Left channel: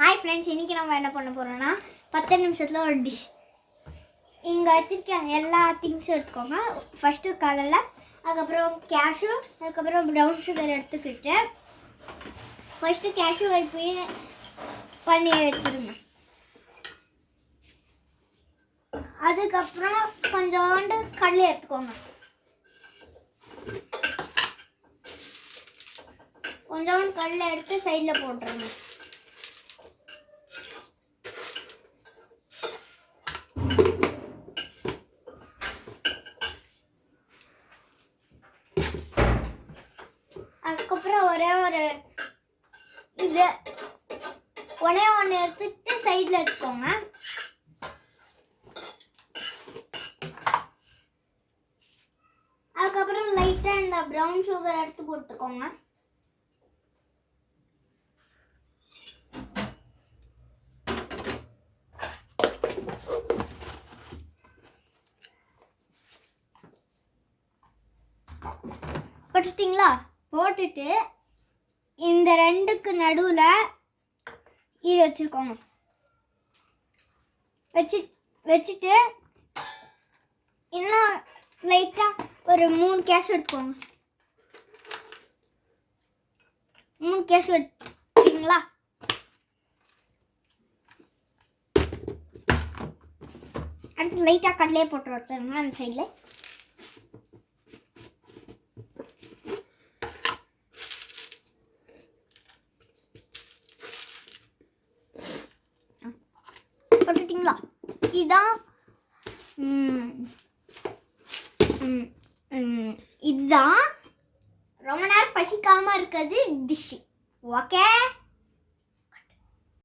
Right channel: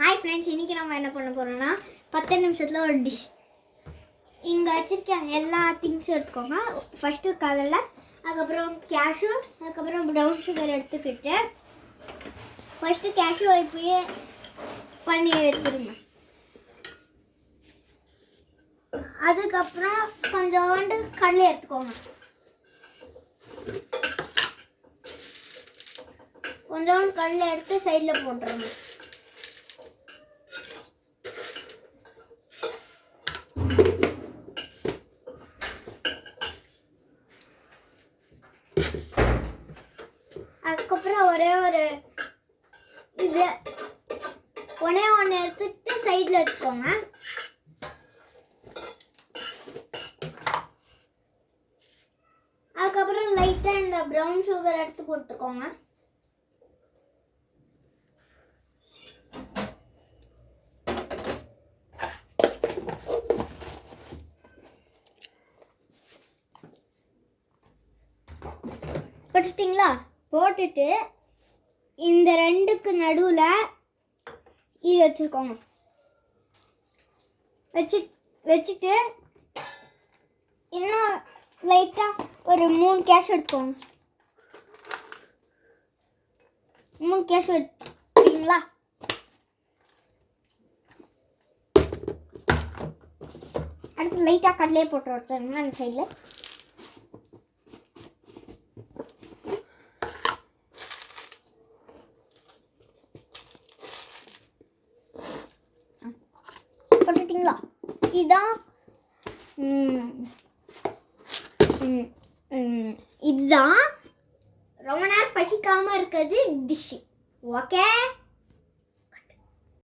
Hi friends, இன்றைக்கி நம்ம என்ன பண்ண போகிறோம்னா 10 நிமிஷத்தில் ஒரு டிஷ். இங்கே வச்சுருக்க எல்லா திங்ஸும் எடுத்துக்கோங்க. ஃபஸ்ட்டு கடலை, அதுக்கப்புறம் கேஷ்யூ, அதுக்கப்புறம் ப்ரௌன் சுகர் எடுத்துக்கிட்டு ஃபஸ்ட்டு கேஷ்யூ இப்போயே பண்ணி வச்சுருங்க. அதுக்கப்புறம் கொஞ்சோண்டு கடலை எடுத்துக்கோங்க. கொஞ்சோண்டு கடலை எடுத்து சைடில் போட்டுருங்க. அதுக்கப்புறம் ஒரே ஒன்று எடுத்துட்டு சைடில் வச்சுக்கோங்க. அதுக்கப்புறம் லைட்டாக இந்த ப்ரௌன் சுகர் எடுத்து போட்டுக்கோங்க. போட்டுட்டிங்களா? போட்டுட்டு இந்த ரெண்டுக்கு நடுவில் இது வச்சுருக்கோங்க. வச்சுட்டு இன்னும் லைட்டாக ஒரு 3 கேஷ்யூ எடுத்துக்கோங்க. 3 கேஷ்யூ எடுத்துக்கிங்களா? அடுத்து லைட்டாக கடலையே போட்டு வச்சுருங்க அந்த சைடில். போட்டுட்டிங்களா? இதுதான் ரொம்ப நேரம் பசிக்காமல் இருக்கிறது டிஷ்ஷு. ஓகே.